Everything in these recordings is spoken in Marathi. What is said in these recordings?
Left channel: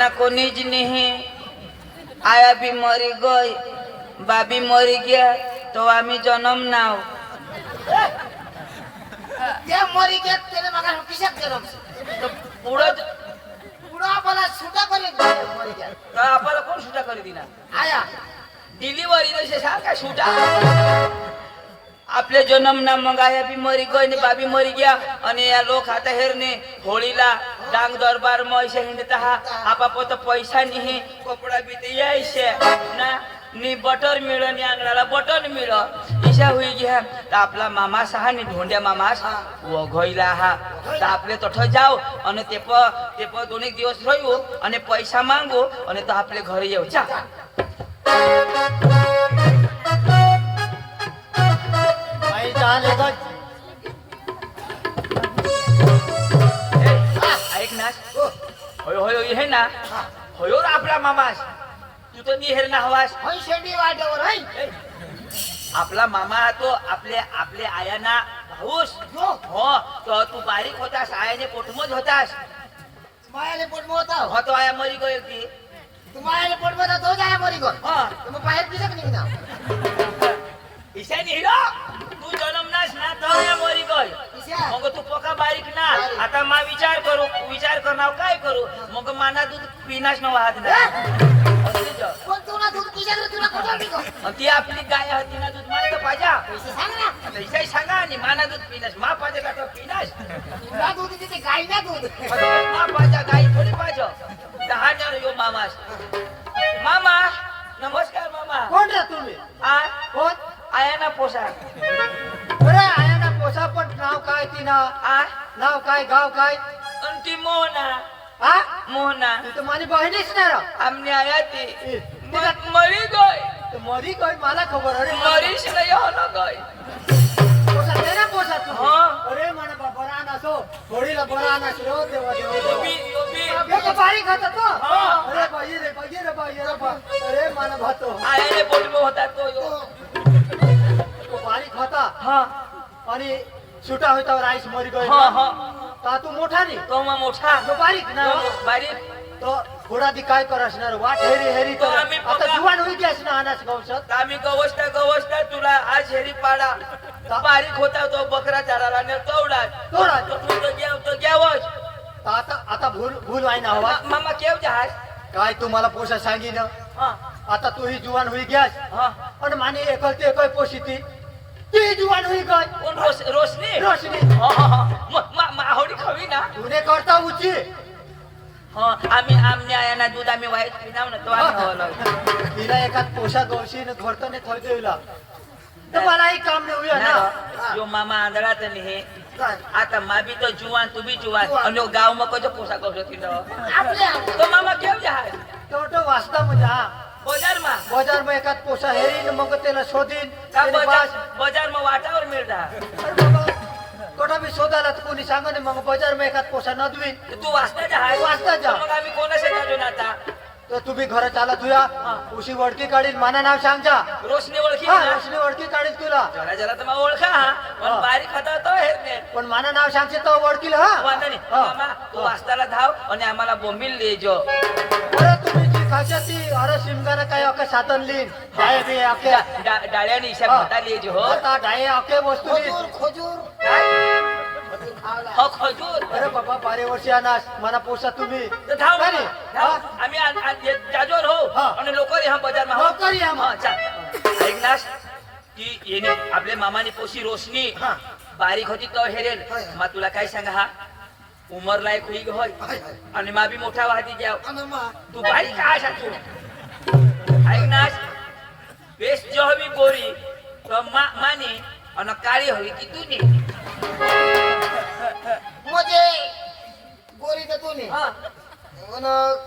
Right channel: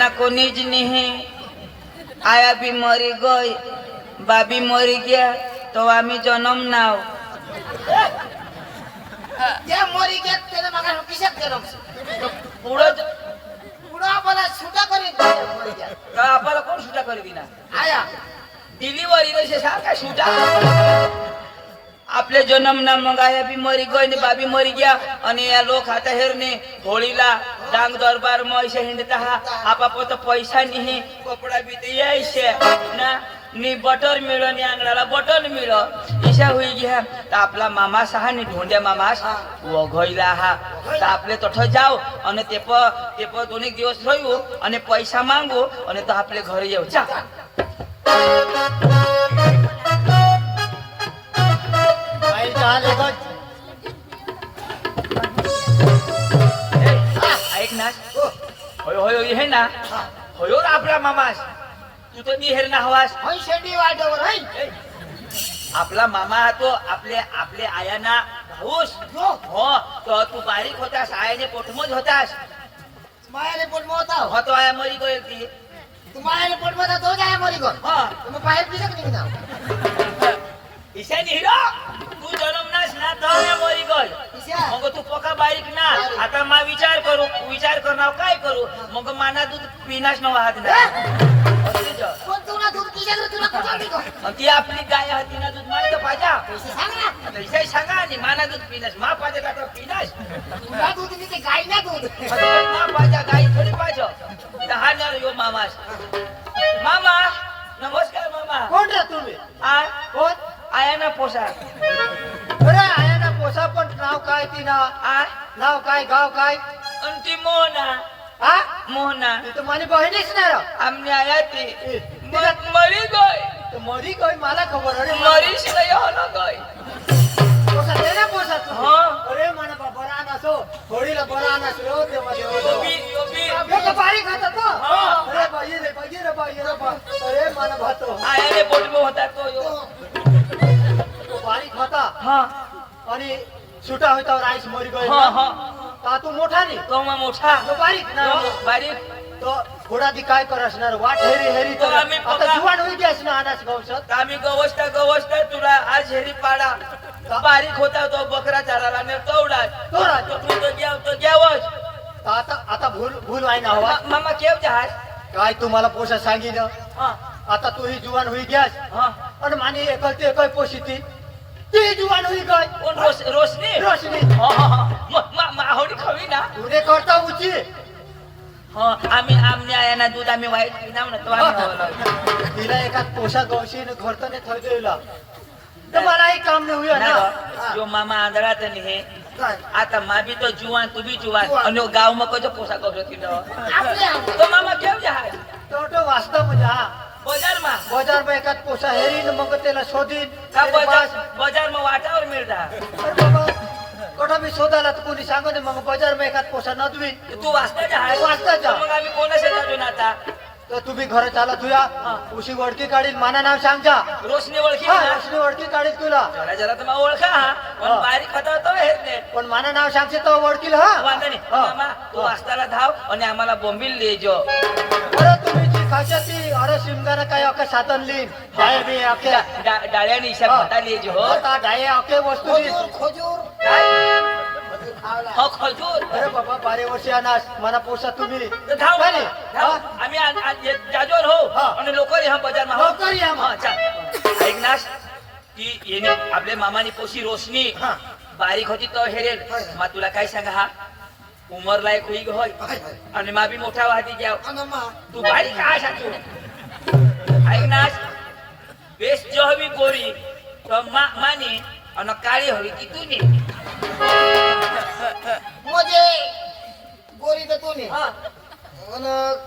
ना कोणी ज नहीं, आया भी मरी गई, बाबी मरी गया तो आम्ही जन्म नाव त्या मरी गेत त्याला मगा किशात गरम पुढं पुढं आपल्याला सुटा करीत मरी गेत. आपल्याला कोण सुटा करी दिला आया डिलिव्हरी नसे सारखा सुटा आपले जन्म ना मग आया बी मरी गई ने बाबी मरी गया आणि या लोक आता हेरने होळीला डांग दरबार में ऐसे हिंदता हा आपापो तो पैसा नहीं कपड़ा भी तो ऐसे ना नी बटर मिळो नी अंगडाला बटर मिळो इशा हुई गया तो आपला मामा सहा नी ढोंड्या मामा वो गईला हा तो आपले तठ जाओ आणि ते प दोन एक दिवस राहू आणि पैसा मागू आणि तो आपले घरी येऊ जा आई झाले बघ ऐक ना होय होय हे ना होय आपला मामास तू तो निहेर ना हवास हई शेडी वाड्यावर हई आपला मामा हा तो आपले आयाना भाऊस हो तो तू बारीक होतास आयाने पोटमत होतास मायाने पोट मोता हो तो आया मरी गई ती तू मायाने पोट मोता तो जाय मरी गो हा तू बाहेर दिसत नाही ना ईशा निहिरो तू जन्मनास ना तो आया मरी गई ईशा मग तू पका बारीक ना आता मा विचार करणार काय करू मग माना दूध पिनास न वाहत ना कोण तुला दूध किशात तुला कसं दिगो ती आपली गाय होती ना दूध माहित पाहिजे पैसे सांग ना पैसे सांगा आणि माना दूध पिनास मा पाहिजे का तो पिनास तुला दूध देते गाय ना दूध मा पाहिजे गाई थोडी पाहिजे दहा जण यो मामास मामा नमस्कार मामा कोण रे तुम्ही आ कोण आया ना पोसा अरे आहे ना पोसा पण नाव काय तिना आ नाव काय गाव काय आणि ती मोहना हा मोहना तू तर माझी बहिणीच नाही रा आमने आया ती ए, मरी गई तू मरी गई मला खबर अरे मरीश नाही होना गई पोसा दे ना पोसा तू हा. अरे मला बरा नसो होळीला बरा नसलो देवा देवा यो बी यो तो बारीक होता तो हा. अरे बाई रे अरे मला भातो आयाने पोटलो होता तो यो तो बारीक होता हा आणि सुटा होता राईस मरी गई हा हा का तू मोठा नाही तो मग मोठा तो बारीक ना बारीक तो थोडा दी काय कर असणार वाट हेरी हेरी तो आम्ही आता बघा. जुवान होई असणार अनाच गवसत आम्ही गवसता तुला आज हेरी पाडा बारीक होता तो बकरा चराला न तोडा तो तू तो घ्यावच आता आता भूल आहे ना हवा मामा केव जहाज काय तुम्हाला पोषा सांगिन हा आता तू ही जुवान होई गॅस हा आणि माने एकल पोशी ती जुवान होई गय कोण रोशनी रोशनी हा हा हा माहोडी खावी ना तुने करता उची हा आम्ही आया ना दूध आम्ही वाईट पिनाव ना तो आम्ही खावला तिला एका पोषा गवशी घरताने थरदेवला तर मलाही काम नाही होईल ना जो मामा आंधळात हे काय आता मा भी तो जुवान तू भी जुवान आणि गाव मग कजो पोशाख किलो आपले तो मामा केव जहाज तो वाचता म्हणजे हा बजार में एकात पोसा हेरीन मग त्याला शोधीन का बजार में वाटावर मिळता कोणा मी शोधायला तर कोणी सांगा नाही मग बाजार में एकात पोसा नदवीन तू वाचता जहाज वाचता जा. मग आम्ही कोणाशी काढून आता तर तुम्ही घर चाला तुया उशी वडकी काढील माना नाव सांगजा रोशनी ओळखी हा ना उशी वडकी काढील तुला जरा जरा तुम्हाला ओळखा हा पण बारीक खाता होतो हे नाही पण माना नाव सांगचे तर वडकील हा वांधा नाही मामा तू वाचताला धाव आणि आम्हाला बोंबील लेजो अरे तुम्ही जी खाशा ती अरे शिमगाने काय अके साधन लीन डाळे बी अके डाळ्याने इशा खाता लेजो हो आता डाळे अके वस्तू खजूर हो खजूर अरे बाबा 12 वर्ष अनास मला पोसा तुम्ही तर धाव काय मामा, नाही? धाव हा? आम्ही जाजोर हो हा. आणि लोक हा बजार ना हो लवकर या मग. हा, चाल. ऐक नास ती येणे आपले मामाने पोशी रोशनी हा. बारीक होती तो हेरेल हाय. मा तुला काय सांगा हा उमर लायक होई होय आणि मा बी मोठा वाहती जाव तू बारीक काय सांगतो ऐक नास बेस जो हवी गोरी तो माने आणि काळी हवी ती तुझी म्हणजे गोरी तर तू हा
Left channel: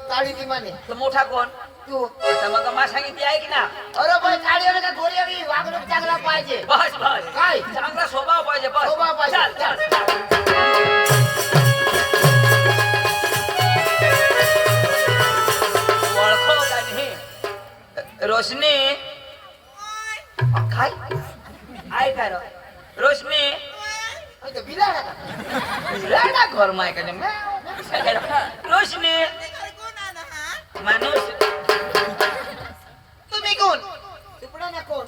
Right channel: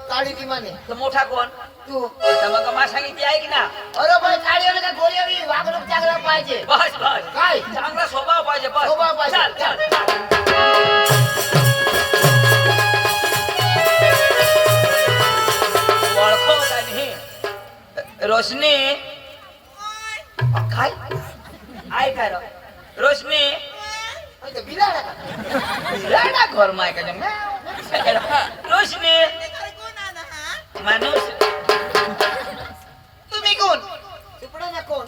काळी ती माने तो मोठा कोण तू आता मग मा सांगितली ऐक ना अरे पण काळी आणि गोरी आणि वागणूक चांगला पाहिजे बस बस काय? चांगला स्वभाव पाहिजे बस स्वभाव पाहिजे. चाल चाल चाल. ओळखो का नाही रोशनी काय काय रो रोशनी बिलाला का ना घर माय का रोशनी माणूस तुम्ही कोण तुपडा ना कोण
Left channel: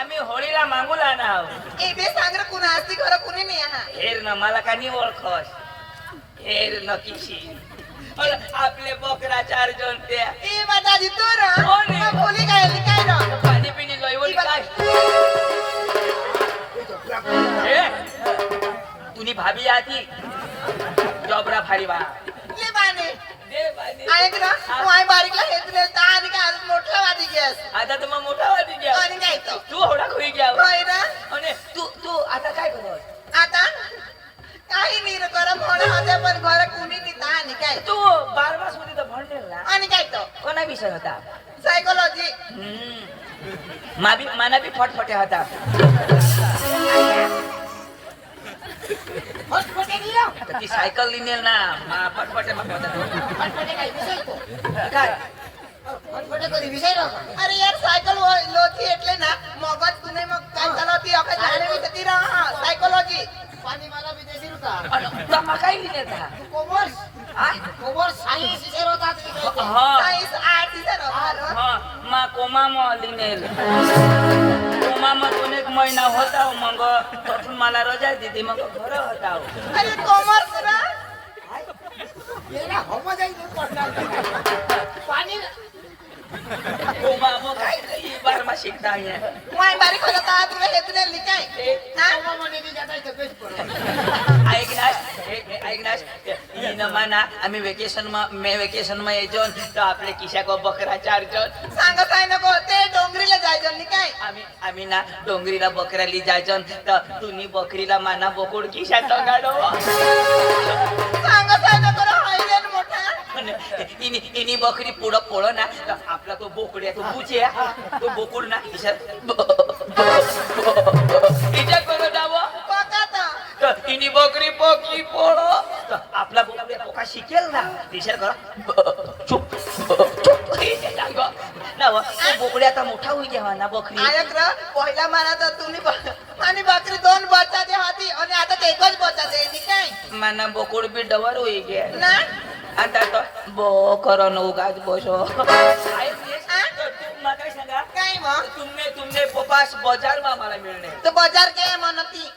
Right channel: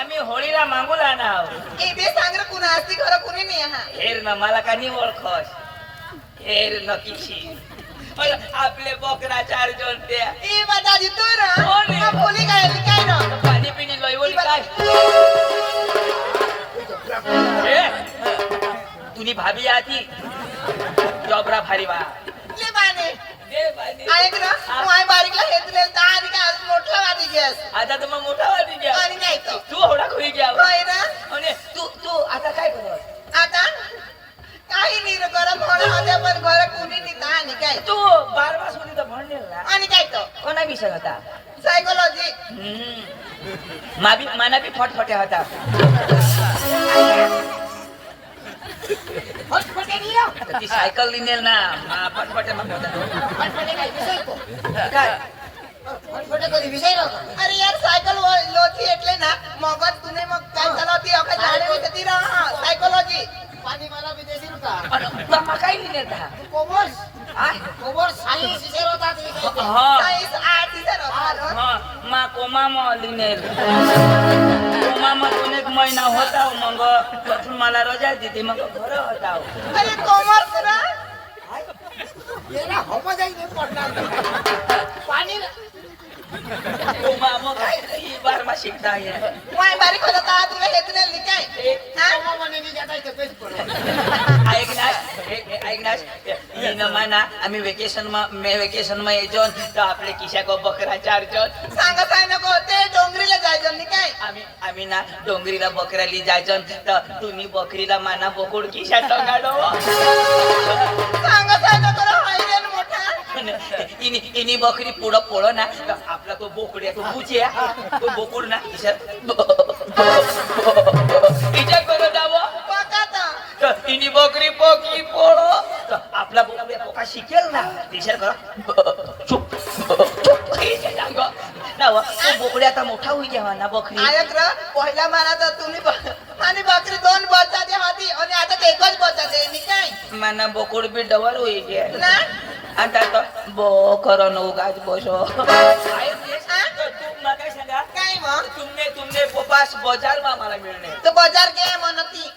आम्ही होळीला मागूला ना इथे सांग रे कुणा असती खरं कुणी नाही हा हेर न मला का नाही ओळखस हेर न किशी पण आपले बकरा चार जण त्या ए बता दी तू रा कोण आहे? कोणी काय काय रा पाणी पिणी गयवली काय तुनी भाभी आती जॉबरा भारी बा ले बाने दे पाणी ऐक ना तू आई बारीकला हेतले ता आणि काय आज मोठा वादी गॅस आता तर मग मोठा वाटी द्या आणि नाही तो तू होडा खोई घ्या होय ना आणि तू आता काय करत आता काही नाही रे बरं कोणा होत्या पण घर कुणी नाही ता आणि काय तू 12 सुधी तर म्हणलेल ना आणि काय तो कोणा विषय होता सायकोलॉजी माना बी फटफटे होता फटफटे दियो ती सायकल लिनेल ना फटफटे मग फटफटे काय विषय तो काय फटफटे कधी विषय नको अरे यार सायकल लोची એટલે ना मगत तुने मग काय चालवती अखे गाडी होती रा सायकोलॉजी पाणी मला बी देशील का मग काय लिहिलेल का तू कॉमर्स हा? कॉमर्स सायन्स विषय होता तरी काय हा सायन्स आर्ट विषय होता हा मा कोमा म लिनेल कोमा म दोन एक महिना होता मग तिथून मला रजा दिली मग घर होता अरे कॉमर्स रा मेरा होम जाई नाही पडणार पाणी कोमा मग काय ही बार मा शिकता आहे वाय बारीक होता ता तुला हेतने लिखाय हा? कोमा म्हणे नी जाता इथे बेस्ट पडो ऐकनास ही न माना आम्ही वेकेशन मा येतो तर आपले किशा को बकरा चार जण सांगा काय नको ते डोंगरीला जायचं लिखाय आम्ही ना डोंगरीला बकऱ्याली जायचो तर तुम्ही बकरीला माना बोकुड किशा टोगाडो सांगा काय नको रे हायरेन मोठा इनी बकरी पुढं पोळ ना तर आपला तो बोकडी आहे तो बुचे तो बोकुड ना किशा इजा करो जावं बघा तर तर इनी बकरी पोकी पोळो तर आपला बोकडी पोका शिकेल ना विचार करा चुप चुप इथे जाग नाव तो बोकडी आता मोठा होई जेव्हा ना बकरी आयक रे पहिला मला तर तुम्ही आणि बाकरी दोन बच्चा दे हाती आणि आता ते एकच बच्चा दे लिखाय माना बोकुड बी डवर होई गे ना आता तर बो करो न उगाच बसो तू मला काय सांगा काय मग तुमने पोपास बाजार मा मला मिळणे तो बाजार के म्हणती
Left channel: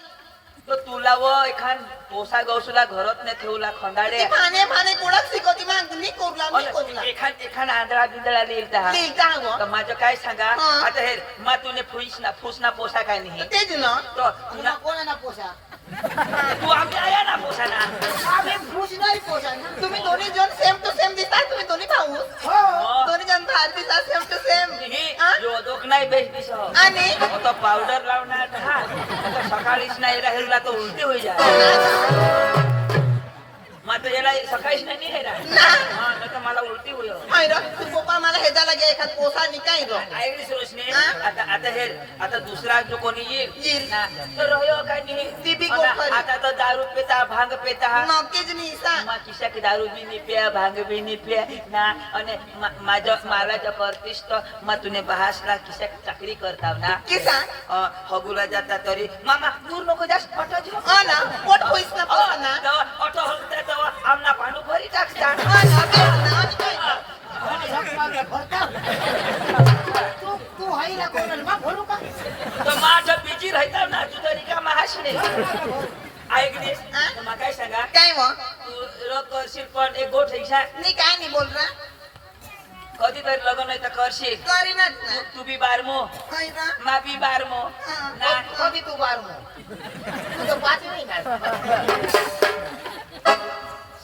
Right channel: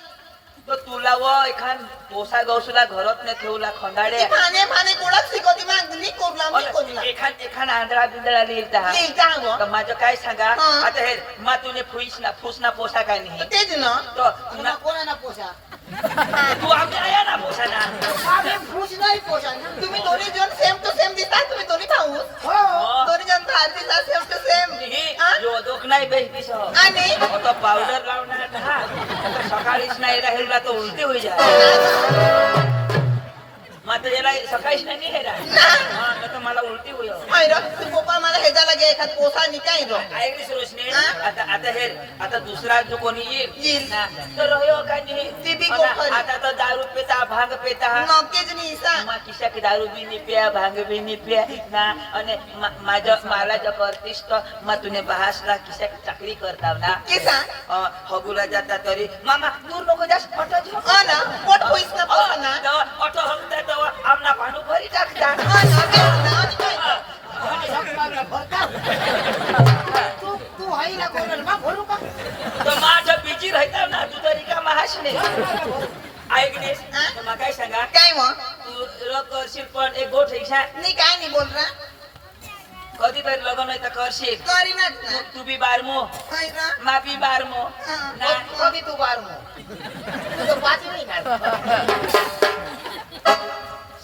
तर तुला व एखाद पोसा गवसूला घरात ने ठेवला खंडाडे खाणे खाणे कोणाच शिकवती मग मी कोरला एखाद आंधळा बिंदळा लिहिता लिहिता हो तर माझं काय सांगा हा. आता हे मा तुने फुसना पोसा काय नाही तेच ना तर मग कोणाला पोसा तू आमच्या या ना पोसा ना अरे फुस नाही पोसा तुम्ही दोन्ही जण सेम टू सेम दिसता तुम्ही दोन्ही भाऊ हो. दोन्ही जण दिसता सेम टू सेम जो दोक नाही बेस आणि तो पावडर लावणार हा सकाळीच नाही राहील तो उलटी होई जा मात्र याला सकाळीच नाही राहिला हा नाही तर मला उलटी होईल आयरा तू पप्पा मला हेजाला घ्या एखाद पोसा निकाय गो ऐकली रोशनी आता दुसरा जो कोणी येईल. येईल ना तर रह्यो काय नाही ती बी गोखरी. आता तर दारू पेता भांग पेता नक्कीच नाही सा मा किशा की दारू बी नाही प्या भांग बी नाही प्या ना आणि मला जो करतीस तर मा तुने बहासला किशा की चाकरी करता ना किसा हगुला जाता तरी मामा दूर नको जास्त ऑटो हा ना पोट होईस ना पोसा ना ऑटो हलता तर आमना पाणू भरी टाकता हा ना तेच ना आणि काय तू हाई ना कोणाला मग भरू का तर माझं बिजी राहता ना तू तरी का महाशने ऐकलीस तर मग काय सांगा काय मग तू करशील पण एक गोष्ट इच्छा नाही काय नाही बोल रहा कधीतरी लग्न आहे तर करशील करीनच ना तू बी बारमो आयरा मा बी बारमो ना कधी तू बार मग तू तो पाती नाही ना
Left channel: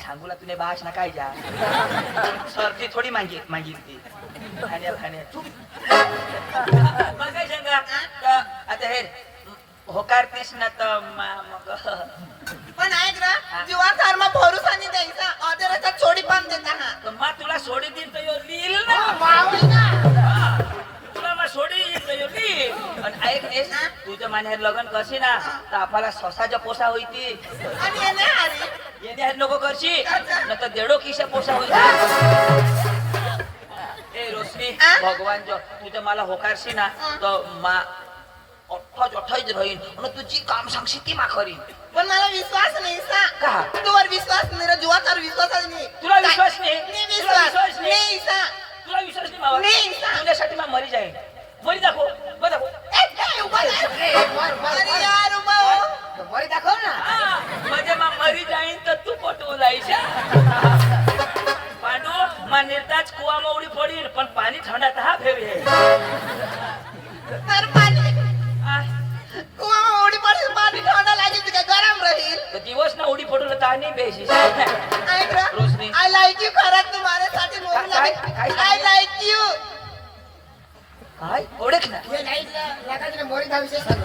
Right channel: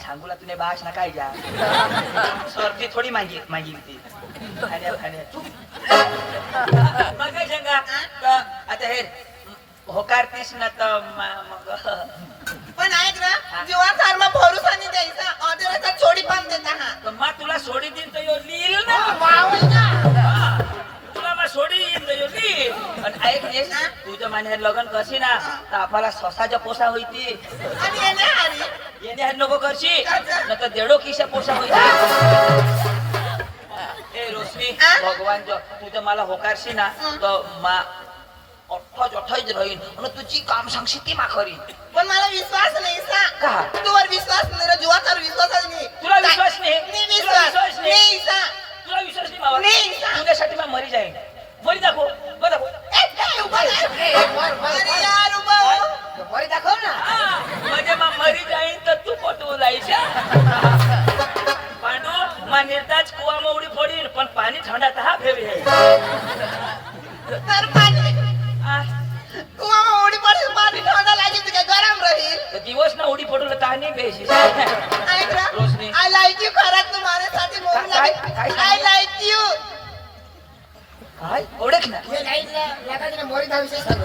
सांगूला तुने भाष ना काय जा सर्दी थोडी मागितली खाण्या तू मग काय सांगा तर आता हे होकारतीस ना तर मग पण ऐक ना जीवा सारमा भरोसा नाही द्यायचा ऑर्डरचा छोडी पण देता हा तर मग तुला सोडी दिन तर यो लिहिल ना मावळी ना हा. तुला मग सोडी येईल तर यो लिहिल आणि ऐक हे तुझं मान्य लग्न करशी ना तर आपल्याला स्वसाच्या पोसा होईती आणि येणे आली येणे आहेत नको करशी न तर देडो किशा पोसा होईल ए रोशनी भगवान जो तू तर मला होकारशी ना तर मा अठ्ठाच राहीन आणि तुझी काम सांगशी ती मा खरी पण मला विश्वास नाही सा का? तुवर विश्वास नाही रे जीवाचा विश्वास नाही तुला विश्वास नाही नाही विश्वास पांडू मा निर्ताज कुआમાં ઉડી પડી પણ પાણી ઠંડા તા ફેરી હે तर पाणी આ કુવામાં ઉડી પડે પાણી ઠંડા લાગે તો કે ગરમ રહી તો દિવસ ના ઉડી પડું તા નહીં બેસી રોશની આઈ લાઈક યુ ખરાક તું મારે સાથે મોર લાગે આઈ લાઈક યુ હાય ઓળખ ના ये लाइट लगाने मोरी धा विशेष कर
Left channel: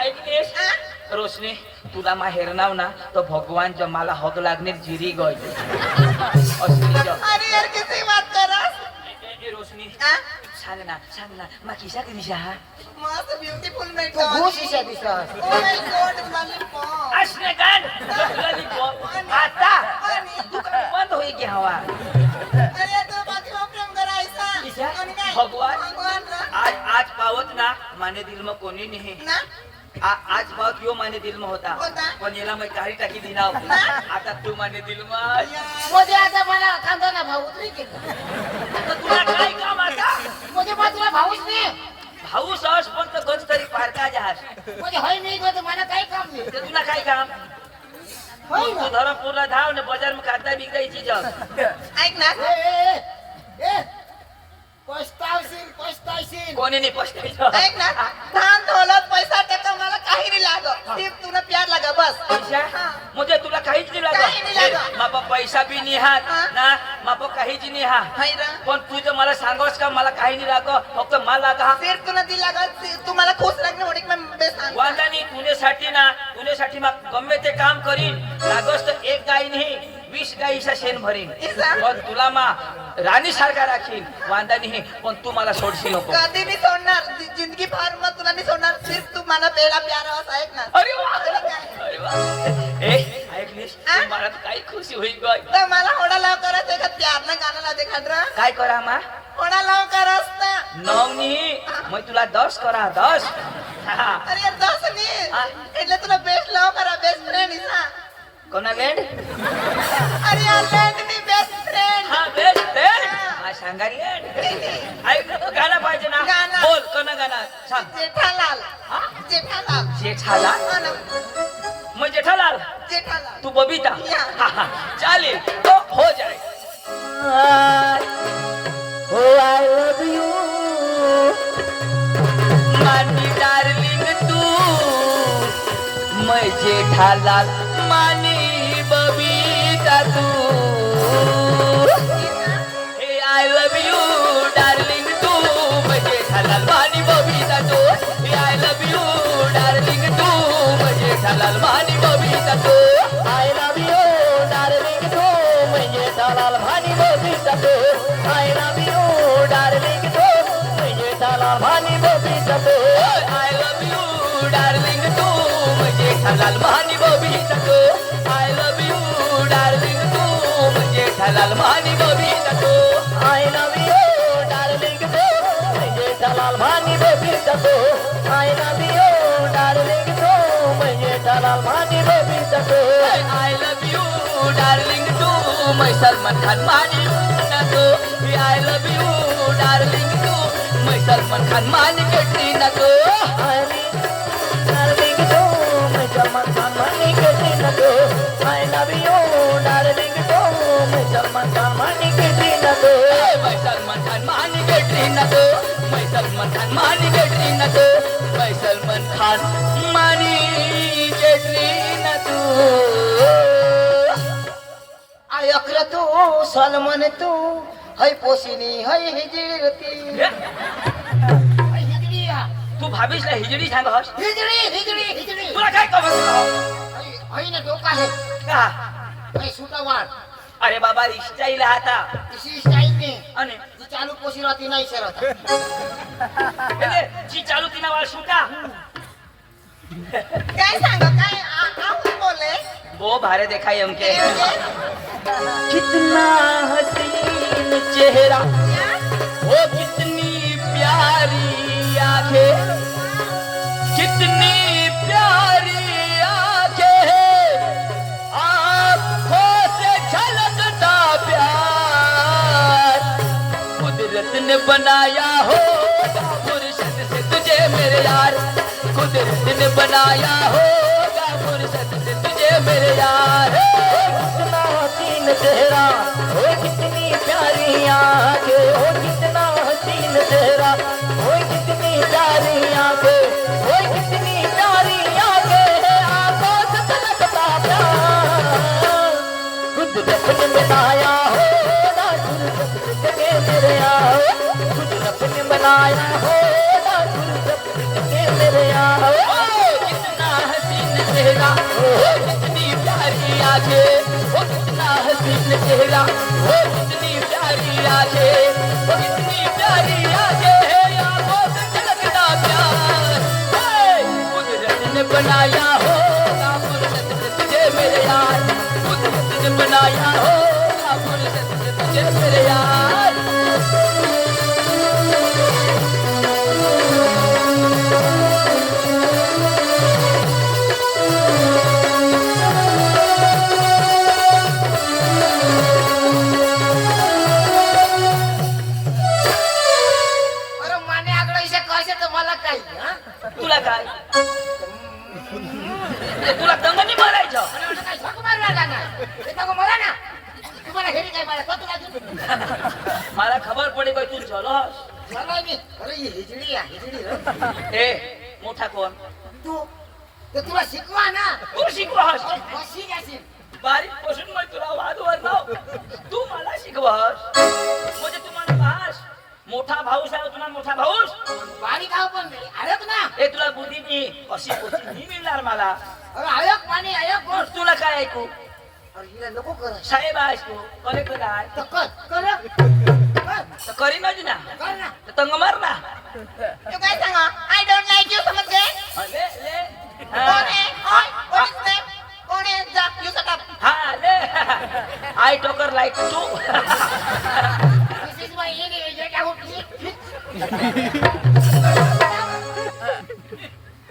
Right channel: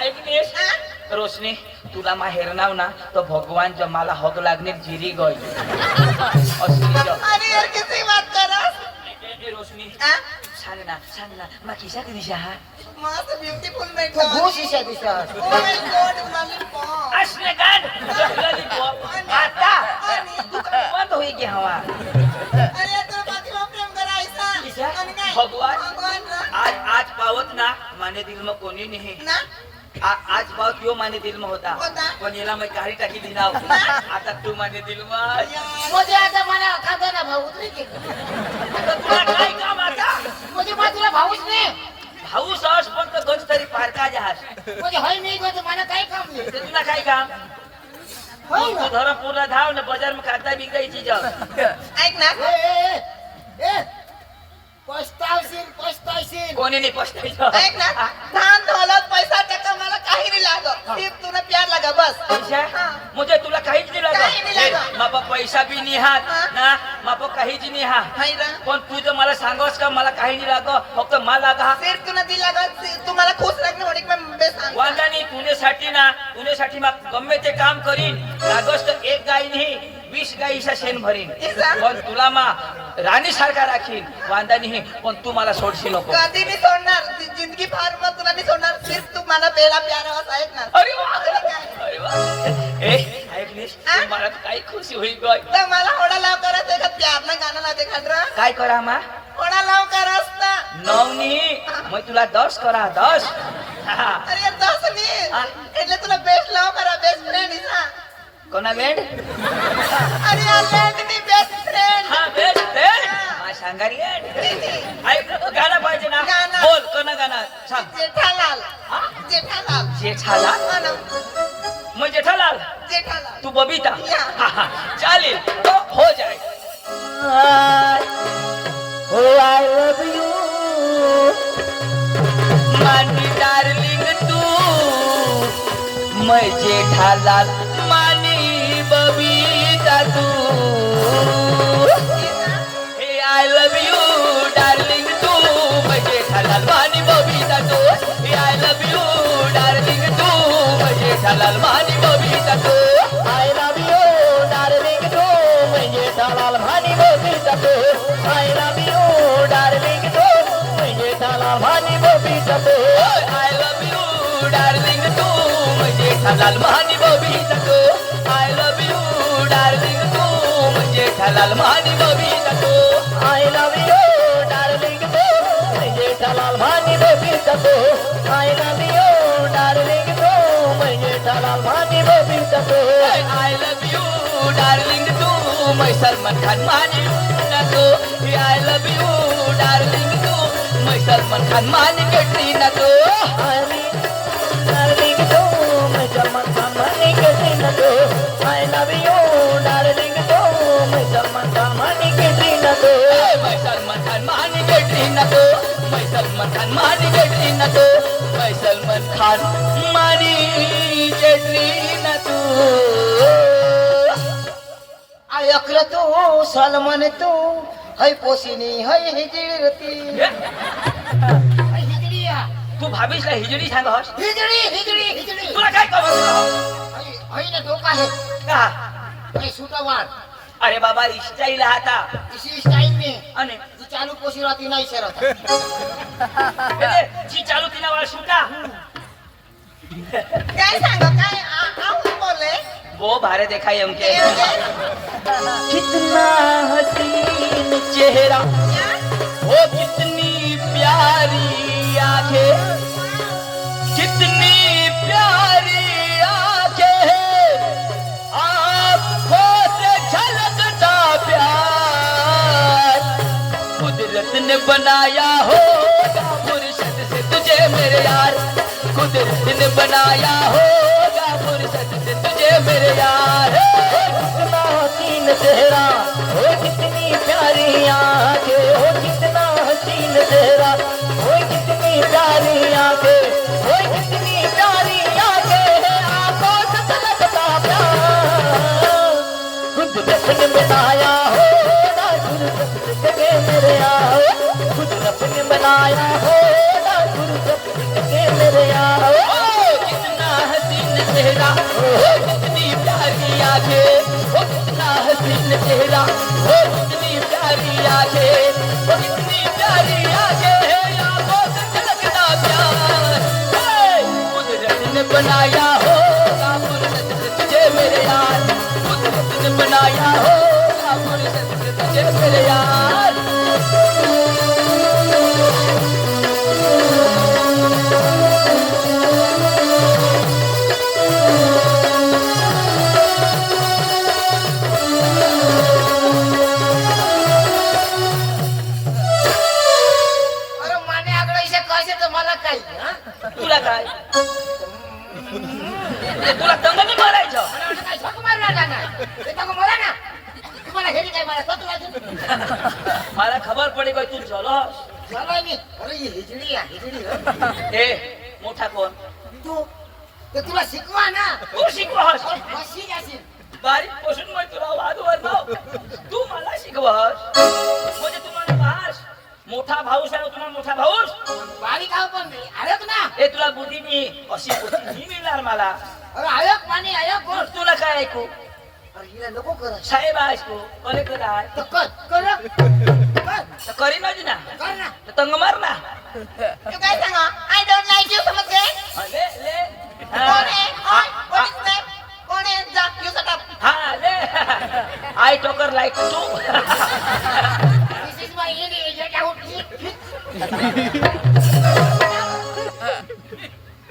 ऐकतेस रोशनी तुला मा हेरनाव ना तो भगवान जमाला हक लागणे जिरी गई असली जग अरे यार किसी बात कर रहा ए रोशनी हां सांग ना मा किसा दिशा हा मस्त ब्यूटीफुल बैठा बहुत शीशा दिसता ओ माय गॉड लॉलीपॉप असने काढ जगली पो आता दुकान बंद होई की हवा अरे तो बाकी में प्रेम करा ऐसा किसा आणि काय? भगवान भगवान ना आज पावत ना माने दिल में कोणी नाही ना आज पावत यो माने दिल में होता होता. पण याला मैं काही टाकी दिनाव आता तू माने दिल में यार मुझे आता मला खांदा ना भाऊ उतरी की तुला काय काम आता मुझे मात्र भाऊच नाही भाऊ सहज फक्त कधी तरी पारका जहाज मुझे होय नाही गो मला काही काम नाही ते तुला काय काम होय तू ना धरमपूरला धाव ना बाजार में कागदा बिकायची जग ऐक ना ए पस्तावशील कोणी नाही पस्तायचं ऐक ना धान दौलत पैसा टका मला काही नाही लागत सिर्फ तुला प्यार लगा बस पैसा मुझे तुला काहीच नाही काही नाही लागत लागत. मापा पैसा बी नाही हात ना मापा काहीच नाही हा हाय ना पण तू तर मला सांगस का मला काही नाही लागत फक्त मला लागा सिर्फ तुला दिला गा तू मला खुश रखने वाली एकदम बेस्ट वांदानी तुझ्यासाठी मग गम्मे ते काम करीन लागस तर एक गाय नाही 20 गायीचा शेण भरीन पण तुला मा राणी सारखा राखीन वांदा नाही पण तू मला सोडशी नको कधी नाही सोडणार जिंदगी फार मग तुला नाही सोडणार सिर्फ तू मला पेला प्यार आहेत ना अरे वा, अरे वा. ए ऐकलीस तू मला तर काही खुशी होईल गं. तर मला होडा लाव करत आहे का प्यार नाही गाणं लावते खांड्र काय करा मा होडा लाव करत ना नवनी मग तुला 10 करा 10 हा. अरे यार दस नाही એટલે तुला बेस्ट लाव करा बेस्ट फ्रेंड ना कोणा वेड अरे यार लँड नाही बेस्ट फ्रेंड हा बेस्ट फ्रेंड हा सांगारी ऐक गाणं पाहिजे ना गाणं. बोल कोणा गाणं सांग जेठालाल हा? जेठालाल जेठालाल मग जेठालाल जेठालाल तू बबीता या. हा, हा. चालेल तो हो जाए हो आई लव यू मानी डार्लिंग तू मैं जेठालाल मानी बबीता तू हे आई लव यू डार्लिंग तू मैं जेठालाल मानी बबीता तू हे आई लव यू डार्लिंग तू मैं जेठालाल मानी बबीता तू आई लव यू डार्लिंग तू मैं जेठालाल मानी बबीता तू आई लव यू डार्लिंग तू मैं जेठालाल मानी बबीता तू आई लव यू डार्लिंग तू मैं जेठालाल मानी बबीता तू आई लव यू डार्लिंग तू मैं जेठालाल मानी बबीता तू आई लव यू डार्लिंग तू मैं जेठालाल मानी बबीता तू आई लव यू डार्लिंग तू मैं जेठालाल मानी बबीता तू आई लव यू डार्लिंग तू मैं सलमान खान मानी तू आई लव यू डार्लिंग तू मैं सलमान खान मानी कैटरीना तू डार्लिंग तू मैं सलमान खान मानी कैटरीना तू आई लव यू डार्लिंग तू मैं सलमान खान मानी कैटरीना तू मैं सलमान खान मानी कैटरीना तू मैं सलमान खान मानी कैटरीना तू मैं सलमान खान मानी कैटरीना तू आय अक्र तू सलमान तू है पोसिनी है हिजडी हिजडिया तू भाभीस ना हिजडी सांगस हिजडी तुला काय कमवत है ना डोका है का है सुटावार अरे बाबा स्टाईल आता इसी स्टाइल में आणि जी चालू पोसी रहती नहीं सर जी चालू तिना वाला सुटा काय सांग काय आप बोले वो भारत देखा हमके कितना हसीन चेहरा वो कितनी प्यारी आंखें कितनी प्यारी आंखें आँखों से झलकता प्यार कुदरत ने बनाया होगा फुर्सत से तुझे मेरे यार कुदरत ने बनाया होगा फुर्सत से तुझे मेरे यार चेहरा, ओ कितनी प्यारी आंखें, ओ कितना हसीन चेहरा, ओ कितनी प्यारी आंखें, ओ कितनी प्यारी आंखें, आंखों से झलकता प्यार। कुदरत ने बनाया होगा फुर्सत के मेरे आए, कुदरत ने बनाया होगा फुर्सत के मेरे आए। कितना हसीन चेहरा, ओ कितनी प्यारी आंखें, ओ कितना हसीन चेहरा, ओ कितनी प्यारी आंखें, ओ कितनी प्यारी आंखें, आंखों से झलकता प्यार। कुदरत ने बनाया होगा फुर्सत से तुझे मेरे यार, कुदरत ने बनाया होगा फुर्सत से तुझे मेरे यार। अरे माने आगळं इथे कळसे तर मला काही हं? तुला काय ते तुला दंग नाही मारायचं. मला वाटलं काय झक मारू राहिला काय? हे बघू मला ना. तुम्हाला घरी काय मला स्वतःला घेऊन. मला खबर पडी बाई तू चलस. चालाय मी. अरे ही हिजडी आहे, हिजडी हं? हे मोठा कोण तू तर तुला शिकवा ना. तू शिकवस. अरे बशी असेल. बारीक पासून मग तुला वादवर लाव. तू मला शिकवस म्हणजे तू मला पास मोठा भाऊ सांग तुला मोठा भाऊस. बारीक आहो पण नाही. आयोग ना. हे तुला बुद्धी मी अशी बुद्धी नाही मिळणार मला. अरे आयोग माने आयोग कोण? मग तुला काय ऐकू. अरे हिला नको कर. साहेब आहेस तू कलेक्टर आहे तर कर. कर. तर करीनच ना. कर ना. तर तंग मार ना. तू काय सांगा? आय डोंट लाईक यू समजते? ले ले कोण आहे? हाय, कोण आहे? कोण आहे? जा, you shut up. हा ले आय टोकर लाईक तू. This is my English.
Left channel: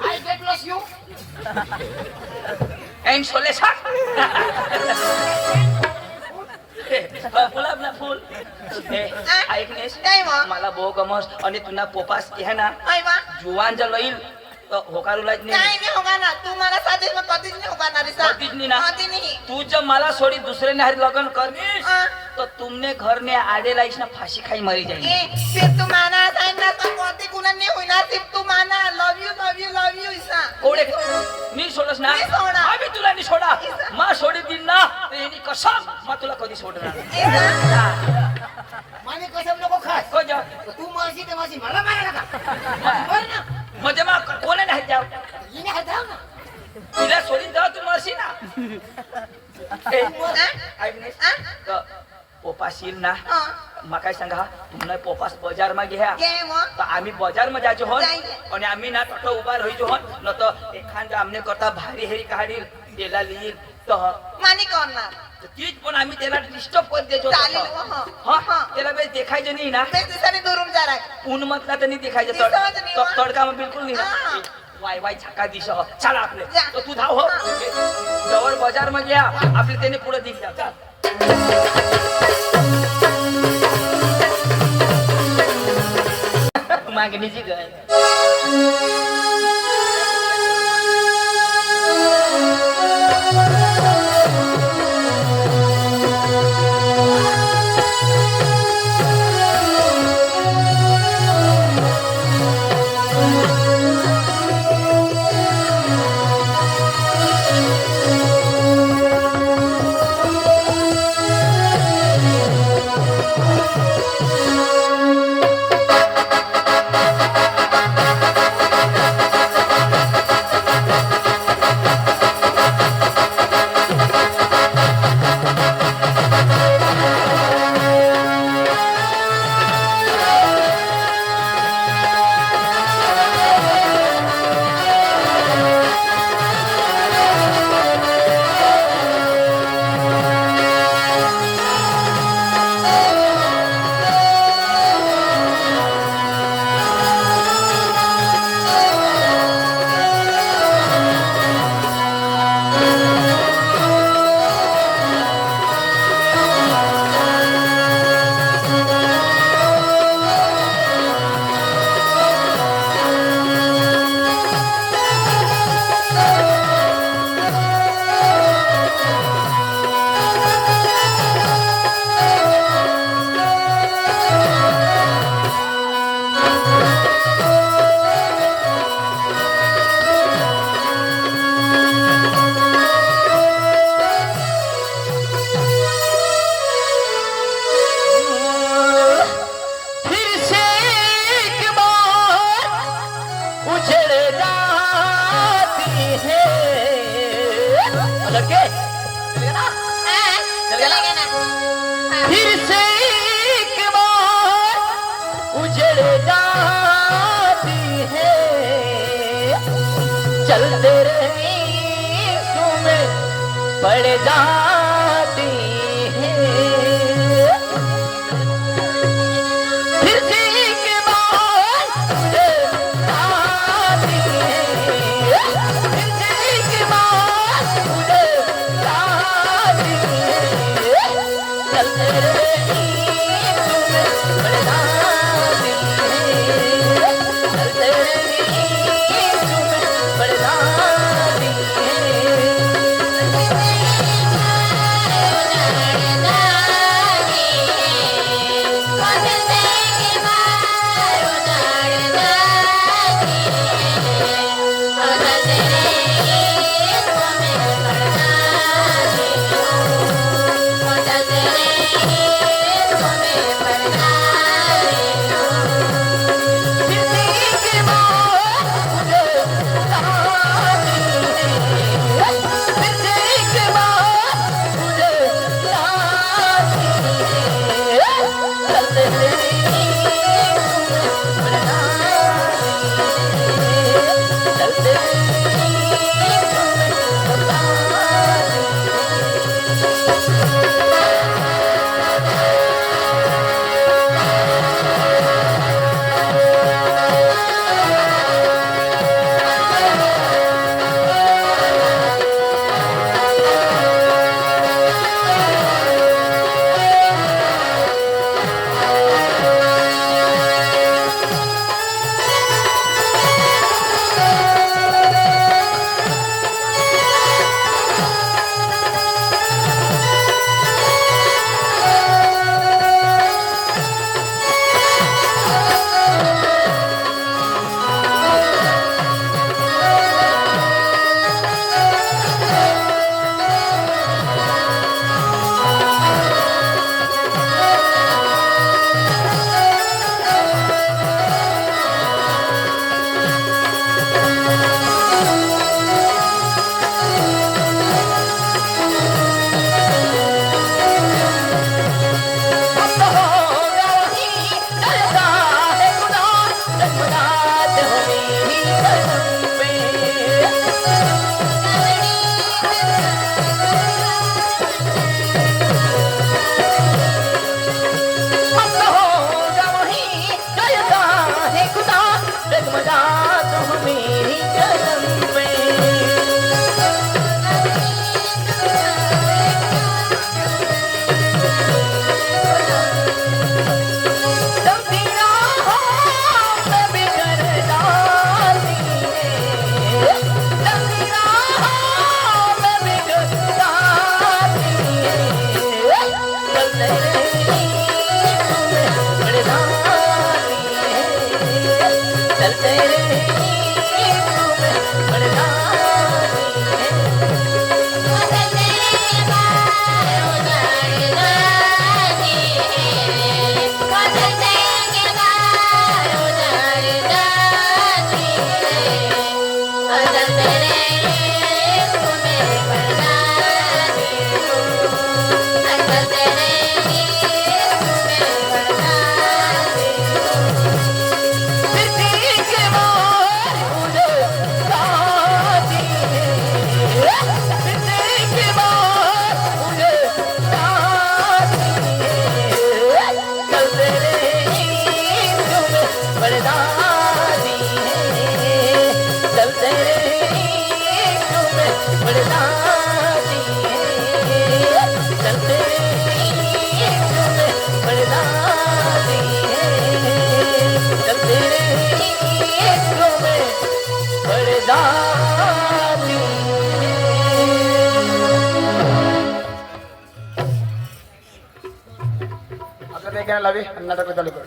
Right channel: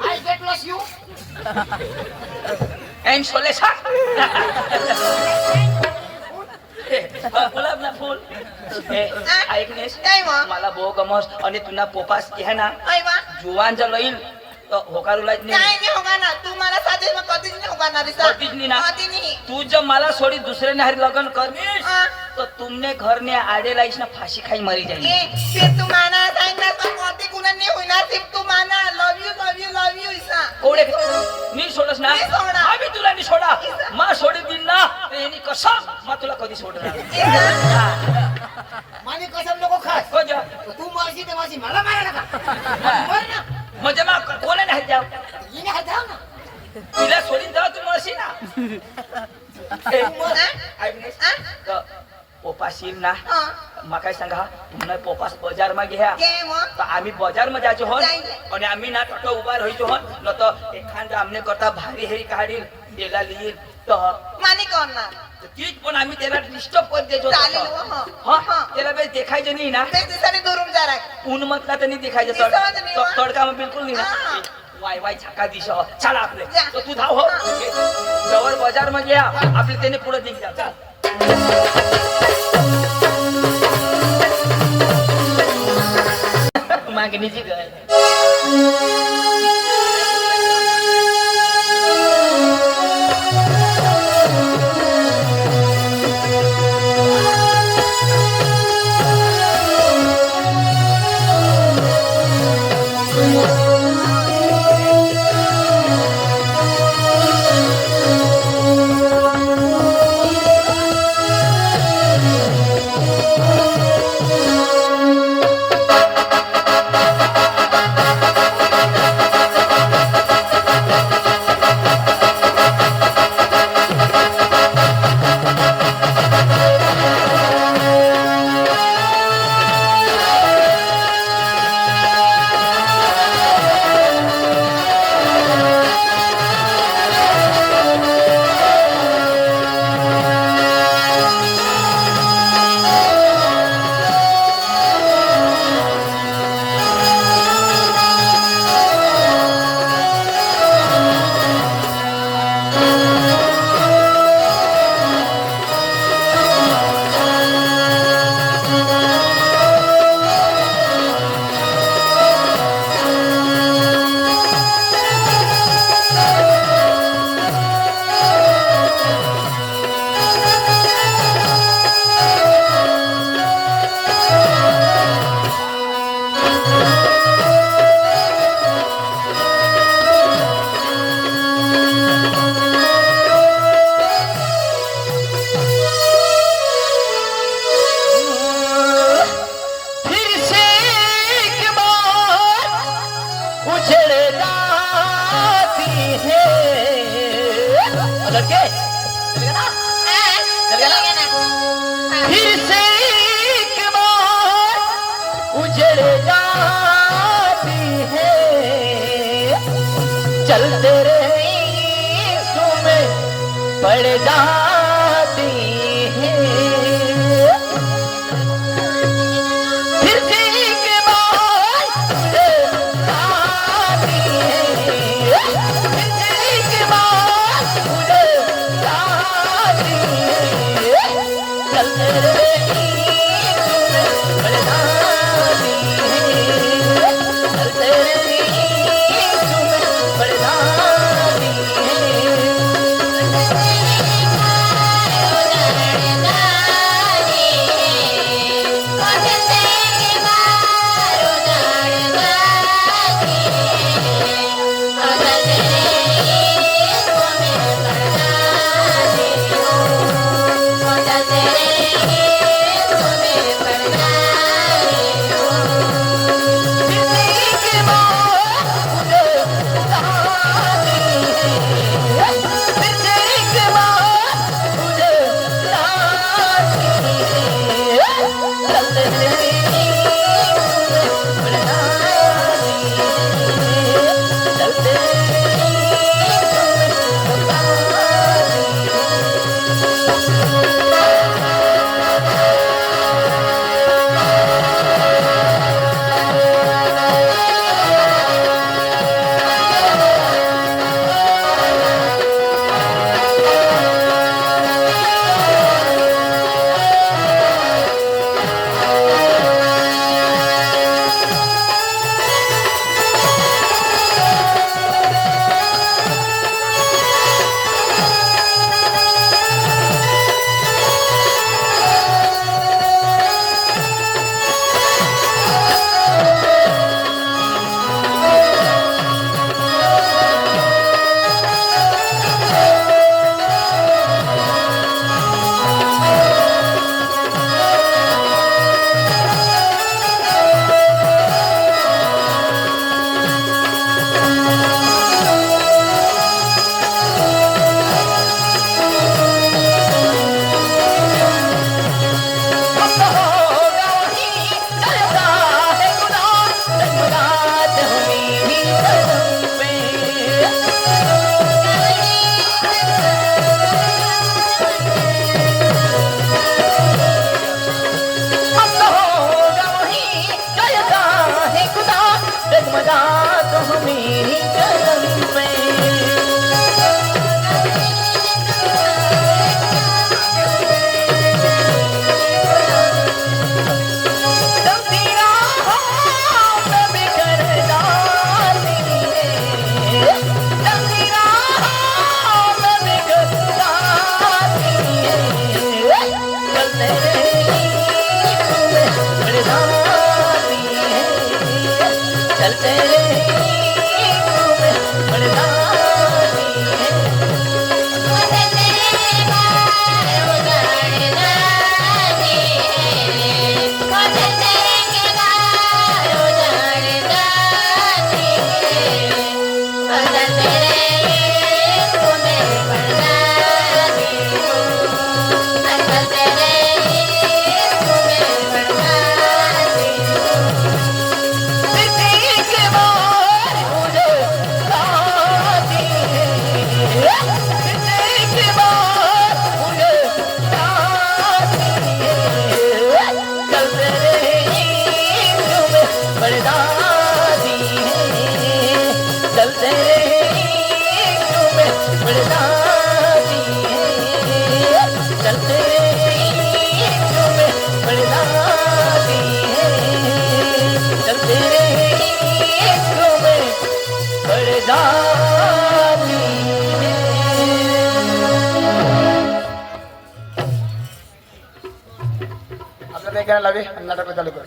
I get lost you. एम सोले सा गुलाब ना फूल. ऐकनेस काय मग? मला बो गमस आणि तुला पोपास आहे ना काय बा? जुवान जर लईल होकारूलाच काय नाही. नाही होगा ना. तू मला साधे मग कधीच नाही होगा रे. कधीच नाही ना. कधी नाही. तू जर मला सोडी दुसरे नाही लग्न करनीस हाँ. तो तुमने घर ने आडे लाईस ना फाशी खाई मरी जाईल. फिर तू माना सांगना तर कधी कुणा नाही होईना. फिर तू माना. Love you love you love you इसा. कोडे नी सोडस ना. मी सोडा. आम्ही तुला नी सोडा. मा सोडी दिन ना यांनी कसम मा तुला कधी सोडणार. माने कसम नको खास. हो जा. तू मारशी तर मारशी मला मारायला का? मार ना. म्हणजे मा कोणे नाही जाव हिने हात धाव ना. तुला सोडीन जाव तू मरशी ना. ऐकनेस पोपाशील ना हाँ. मा काय सांगा तुम्हाला पोपास बाजार मा घ्या काय मग? तर आम्ही बाजार मध्ये जायचो हो जायचे. आणि आम्ही ना फक्त उभा राहायचो हो न तर एखादा आमने करता भारी हेरी काढील त्याला लिहिल तर माने कोण ना? तीच पण आम्ही त्याला डिस्टर्ब करत देतो चालेल, हो. हा त्याला काही देखायचं नाही ना. ते दिवसाने दुरून जा राय. ऊन मतला त्यांनी देखायचं दिसत नाही हो. तडका मग बिलकुल नाही ना. हा. वाय वाय छका दिस चला आपले जा. तर तू धाव हो जवळ बाजार मग या आपले त्याने पुढे दिल जा चाल. मागणीची काय चलते रहे में पड़ जाती है फिर से के बाद आती है फिर से के बाद आती है चलते रहे आपल्या काय लावे नाटक चालू कर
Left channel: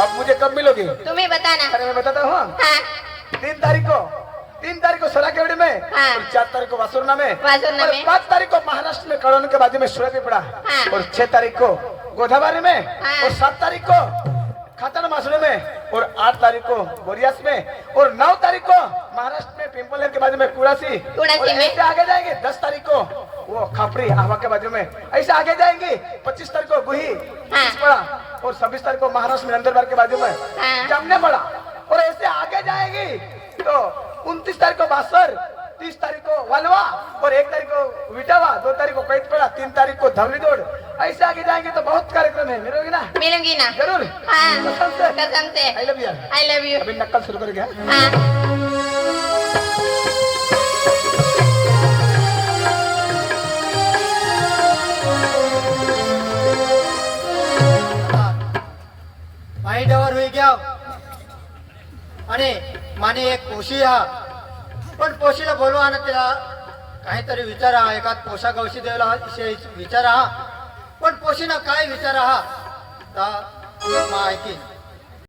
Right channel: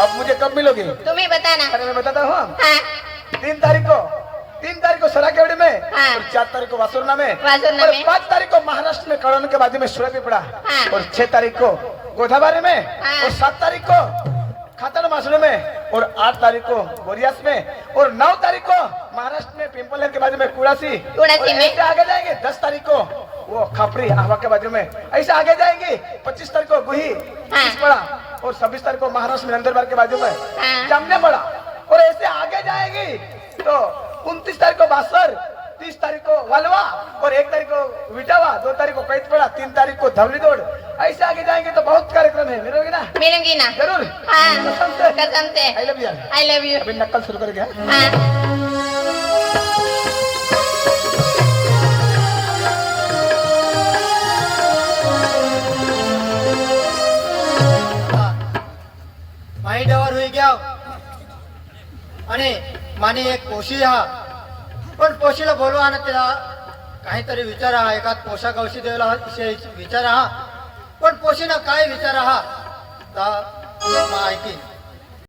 अब मुझे कब मिलोगे? तुम्हें बताना। अरे मैं बताता हूँ। हाँ 3 तारीख को सराकेवाड़ी में, हाँ। और 4 तारीख को वासुरना में, वासुरना और में। 5 तारीख को महाराष्ट्र में कड़ौन के बाजू में सुरभीपड़ा, हाँ। और 6 तारीख को गोदावरी में, हाँ। और 7 तारीख को खातन मासुरे में, और 8 तारीख को बोरियास में, और 9 तारीख को महाराष्ट्र में पिंपल के बाजू में कुड़ासी में। ऐसे आगे जाएंगे। 10 तारीख को वो खापरी आहवा के बाजू में, ऐसे आगे जाएंगे। 25 तारीख को गुही पड़ा, और 26 तारीख को महाराष्ट्र में नंदरबार के बाजू में जामने पड़ा, और ऐसे आगे जाएगी तो 29 तारीख को बासर, 30 तारीख को वालवा, और 1 तारीख को विटावा, 2 तारीख को कैदपड़ा, 3 तारीख को धवली दौड़। ऐसे आगे जाएंगे तो बहुत कार्यक्रम है। मिलोगी ना? मिलूंगी ना। जरूर। हाँ कसम से। कसम से। I love you. I love you। अभी नक्कल शुरू कर गया। माइंड ओवर हुई गया आणि माने एक पोशी हा पण पोशीला बोलवा ना त्याला काहीतरी विचार हा एका पोषा गवशी देवला विषयी विचार हा पण पोशीना काय विचार हा तर माहिती